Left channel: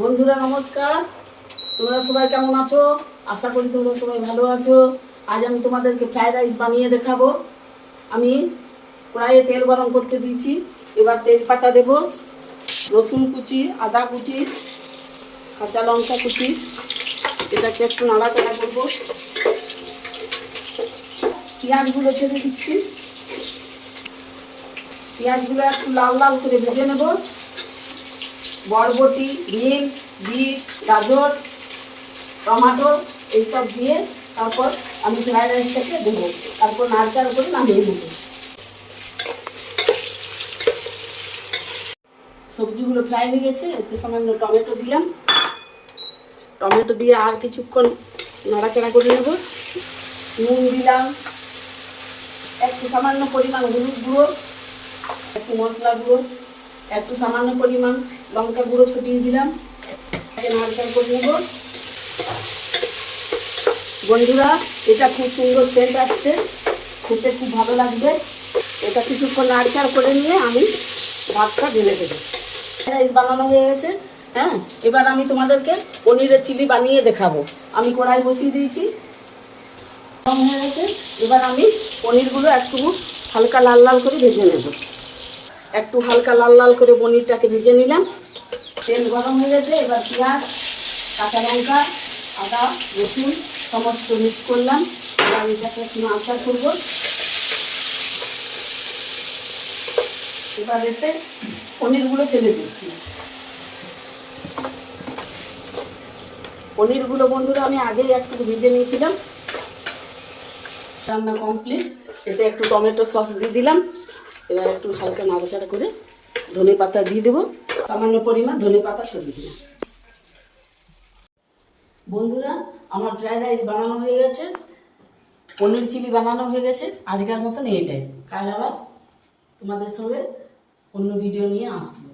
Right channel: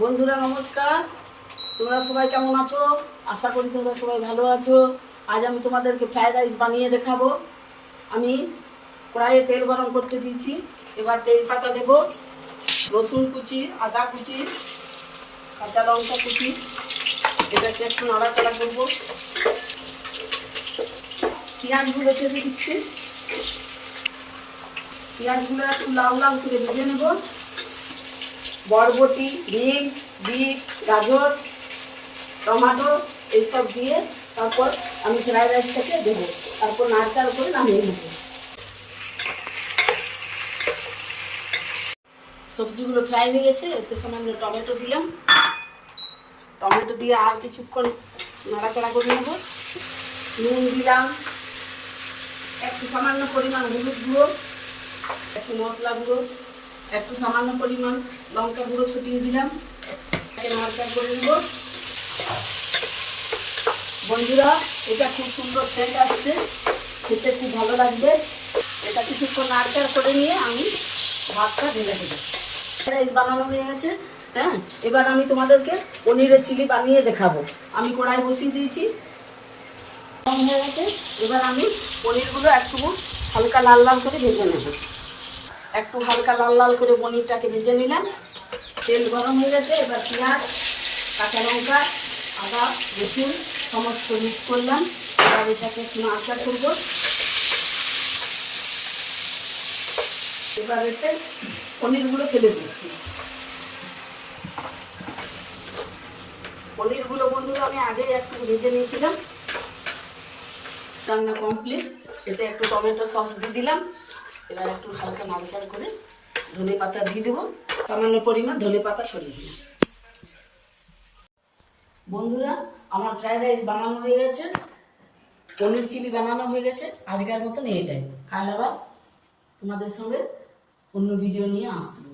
বন্ধুরা নমস্কার, তোমরা সবাই কেমন আছো? আশা করি তোমরা সবাই ভালো আছো। আজ আমি তোমাদেরকে ফ্রাইড রাইস বানিয়ে দেখাবো। আমি কড়াইয়ে তেল গরম করতে দিয়েছি। এবার তেজপাতা দেব, রসুন কুচি, আদা কুচি, কাঁচা লঙ্কা কুচি, এটাকে একটু নাড়াচাড়া করবো। পেঁয়াজগুলো ছেড়ে দিচ্ছি। পেঁয়াজগুলো একটু লাল লাল করে ভেজে নেব। বরবটি, বিনস, বিট, গাজর, টমেটো এইসব দিয়ে তারপর আমি ফ্রাইড রাইসটাকে দেবো। তারপর নাড়াচাড়া করে নামিয়ে দেবো। সবজিগুলো ফ্রাই হয়ে গেছে, এতে সামান্য টমেটো দিলাম। টমেটো দিয়ে আর কিছুক্ষণ নাড়াচাড়া করে নেব। নুন দিলাম, একটু সামান্য পরিমাণ হলুদ গুঁড়ো, একটু মশলা গুঁড়ো, একটু সামান্য পরিমাণ লঙ্কা গুঁড়ো ছড়িয়ে দিলাম। নাড়াচাড়া করে নেব। বন্ধুরা, এটা খুব সুন্দর সেন্ট আসছে, খেতে খুব ভালো লাগবে। এটা কিছুক্ষণ নাড়াচাড়া করে নিয়ে আমি ভাতটা ঢেলে দেবো। রাইস বানানো হয়ে গেছে। হ্যাঁ, এবার আমি তোমাদেরকে পনিরের চিলি বানিয়ে দেখাবো। আমি কড়াই বসিয়ে দিয়েছি, হয়ে গেছে। এবার আমি পনিরগুলো একটু হালকা লাল লাল করে ভেজে নেব। একটু হালকা লাল লাল করে পনিরটাকে ভেজে নিলাম। তেল গরম হয়ে গেছে। এবার পেঁয়াজ, কাঁচা লঙ্কা, আদা, রসুন সমস্ত মিক্স করলাম। আর এটাকে একটু নাড়াচাড়া করবো। এবার এতে পনিরগুলো ফেলে দিচ্ছি। পনিরগুলো বন্ধুরা আমি আগেই একটু ভেজে নিয়েছিলাম। রান্না কমপ্লিট। এতে একটু টমেটো সস দিয়ে দিলাম। এবার একটু হালকা নাড়াচাড়া করে ধনে পাতা দিয়ে দেবো। সামান্য পরিমাণ ধনে পাতা ছড়িয়ে দিলাম। বন্ধুরা, আমার ফ্রাইড রাইস বানানো হয়ে গেছে, পনির চিলি বানানো হয়ে গেছে। আজকের মতন এইটাই। কাল আবার তোমাদের সঙ্গে অন্য ভিডিও নিয়ে আসবো।